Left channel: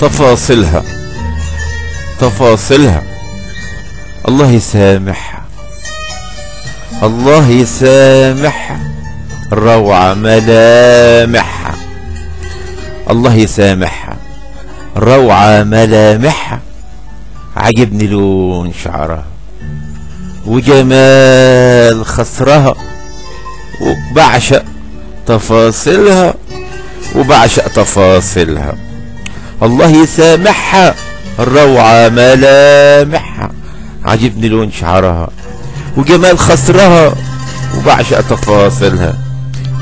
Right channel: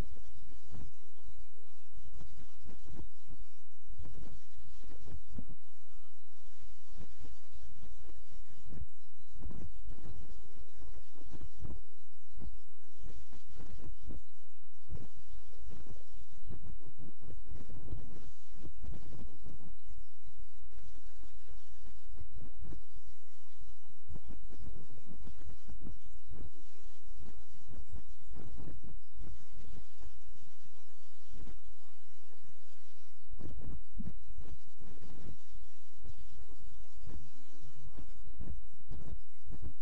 تفاصيلها تفاصيلها. الله يسامحها، الله يسامحها، روعة ملامحها. الله يسامحها، روعة ملامحها. عجبني لون شعرها وجمال خصرها، وبعشق تفاصيلها وبعشق تفاصيلها. الله يسامحها، الروعة ملامحها. عجبني لون شعرها وجمال خصرها وبعشق تفاصيلها.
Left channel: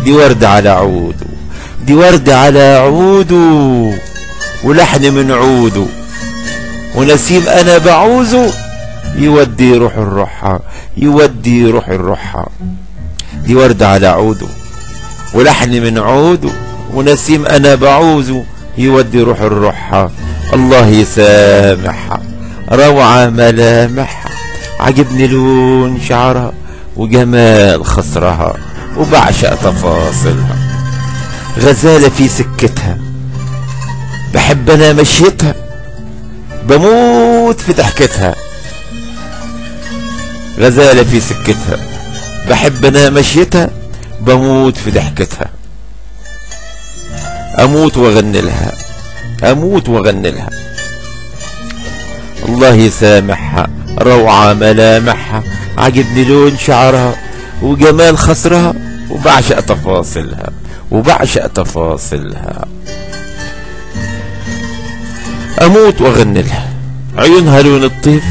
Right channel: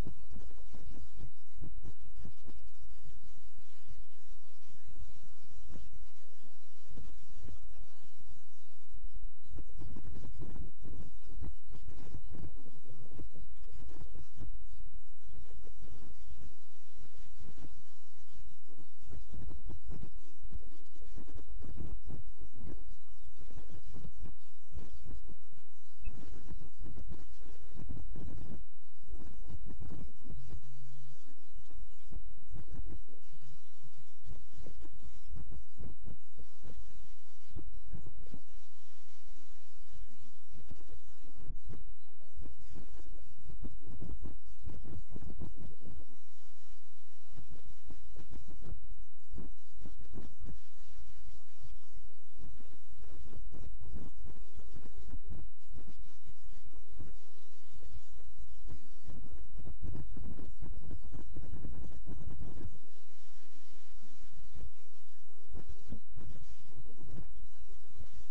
دي وردة على عوده، دي وردة على عوده، ولحن من عوده، ونسيم انا بعوزه يودي روح الروحة، يودي روح الروحة. دي وردة على عوده ولحن من عوده، ونسيم انا بعوزه يودي روح الروحة. الله يسامحها، روعة ملامحها. عجبني لون شعرها وجمال خصرها وبعشق تفاصيلها. غزالة في سكتها، بحب انا مشيتها، بموت في ضحكتها. غزالة في سكتها، بحب انا مشيتها، بموت في ضحكتها. اموت واغني لها، اموت واغني لها. الله يسامحها، روعة ملامحها. عجبني لون شعرها وجمال خصرها وبعشق تفاصيلها وبعشق تفاصيلها. اموت واغني لها. عيونها لون الطيف،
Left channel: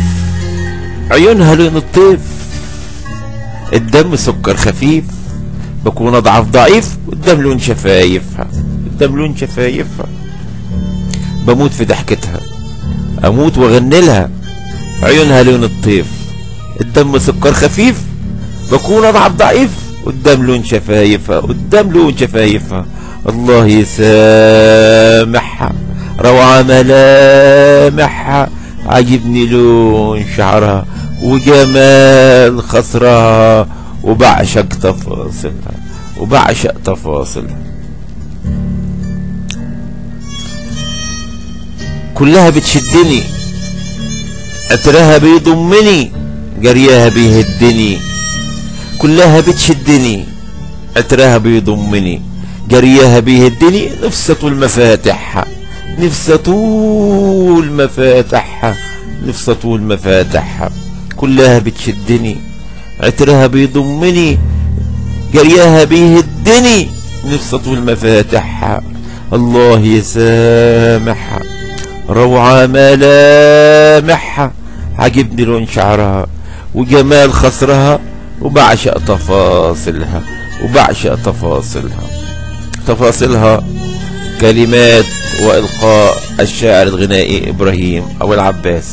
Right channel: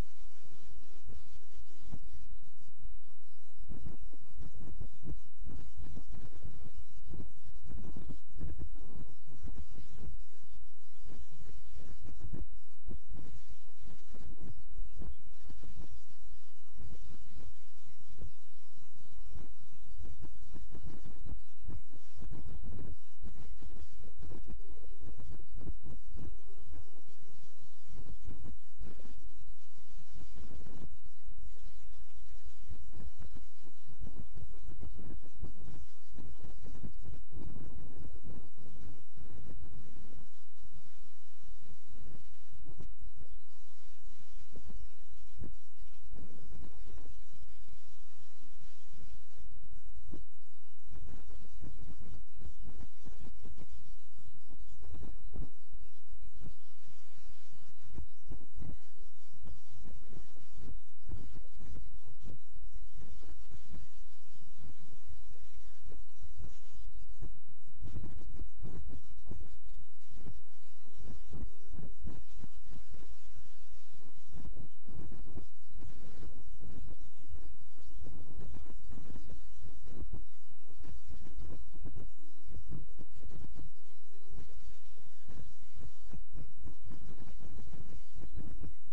عيونها لون الطيف. الدم سكر خفيف، بكون اضعف ضعيف قدام لون شفايفها، قدام لون شفايفها. بموت في ضحكتها، اموت واغني لها. عيونها لون الطيف، الدم سكر خفيف، بكون اضعف ضعيف قدام لون شفايفها، قدام لون شفايفها. الله يسامحها، روعة ملامحها. عجبني لون شعرها وجمال خصرها وبعشق تفاصيلها وبعشق تفاصيلها. كلها بتشدني، عطرها بيضمني، جريها بيهدني. كلها بتشدني، عطرها بيضمني، جريها بيهدني. نفسي طول مفاتحها، نفسي طول مفاتحها، نفسي طول مفاتحها. كلها بتشدني، عطرها بيضمني، جريها بيهدني. نفسي طول مفاتحها. الله يسامحها، روعة ملامحها. عجبني لون شعرها وجمال خصرها وبعشق تفاصيلها وبعشق تفاصيلها. تفاصيلها كلمات وإلقاء الشاعر الغنائي إبراهيم أبو العباس.